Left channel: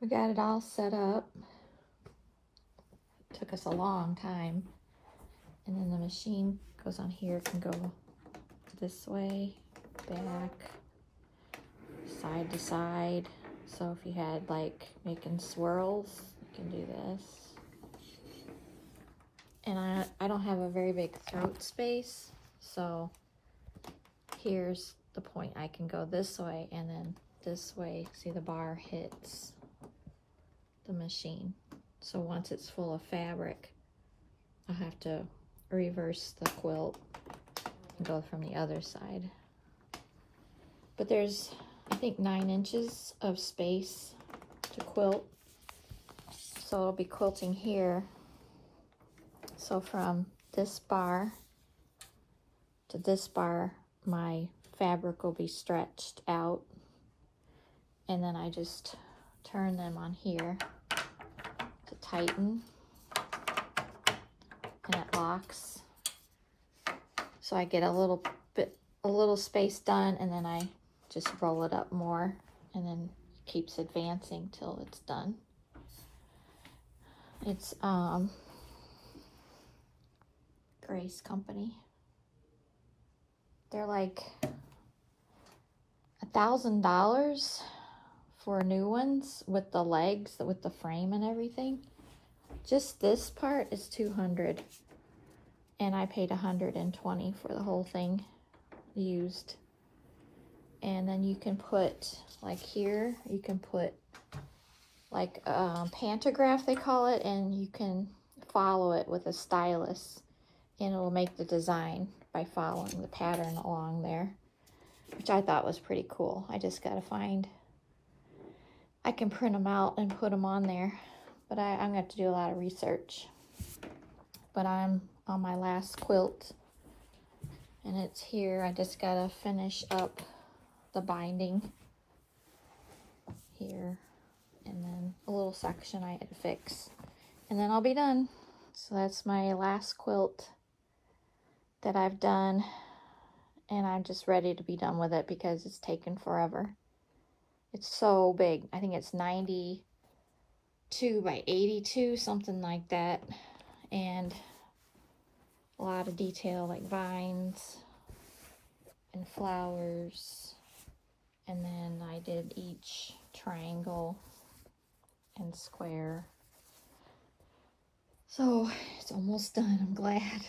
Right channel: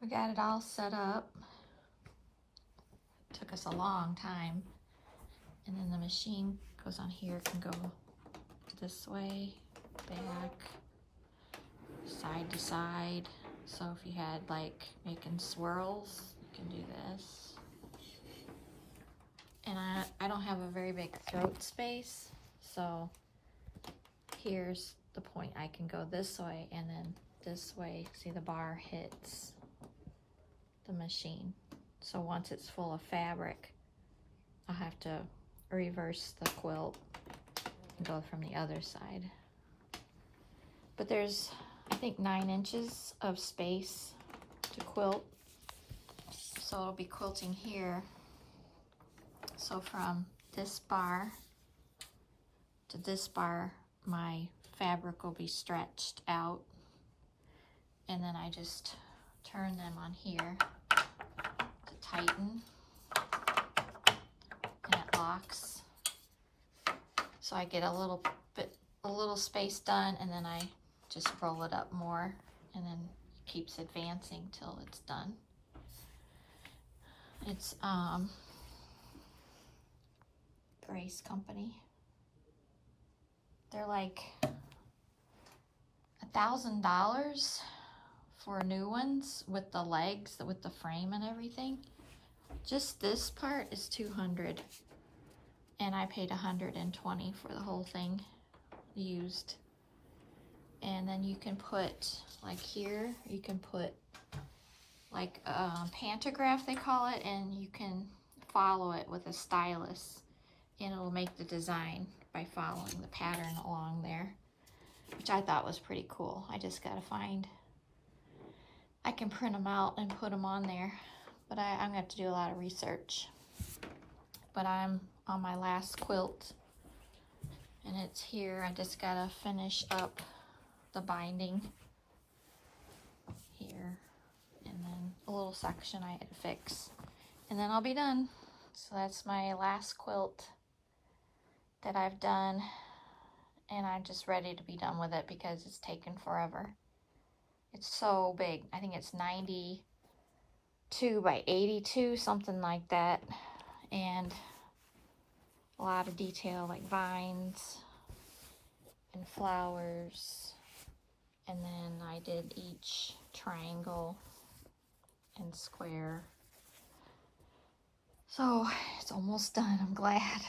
We got it all set up. Took us a long time. And then the machine goes on here, can go this way, back, side to side. So if you had like making swirls, you can do this. And I don't have a very big throat space, so here's the point. I can go this way and then this way. See, the bar hits the machine. So once it's full of fabric, I'll have to reverse the quilt and go from the other side. But there's, I think, 9 inches of space to quilt. So I'll be quilting here. So from this bar to this bar, my fabric will be stretched out. And then I just turn them on here to tighten. And it locks. So I get a little space done, and then I just roll it up more, and then it keeps advancing till it's done. It's Grace Company. They're like $1,000 for new ones with the legs, with the frame and everything. Just this part is $200, and I paid $120 for the whole thing used. And then you can put, like here, you can put like pantograph, they call it, and you can follow it with a stylus, and it'll make the design by following the pattern along there, which I thought was pretty cool. I just gotta find, I can print them out and put them on there, but I'm gonna have to do a lot of research. But I'm on my last quilt, and it's here. I just gotta finish up the binding here, and then a little section I had to fix, and then I'll be done. So that's my last quilt that I've done, and I'm just ready to be done with it because it's taken forever. It's so big. I think it's 92 by 82, something like that, and a lot of detail like vines and flowers. And then I did each triangle and square. So it's almost done. I'm glad.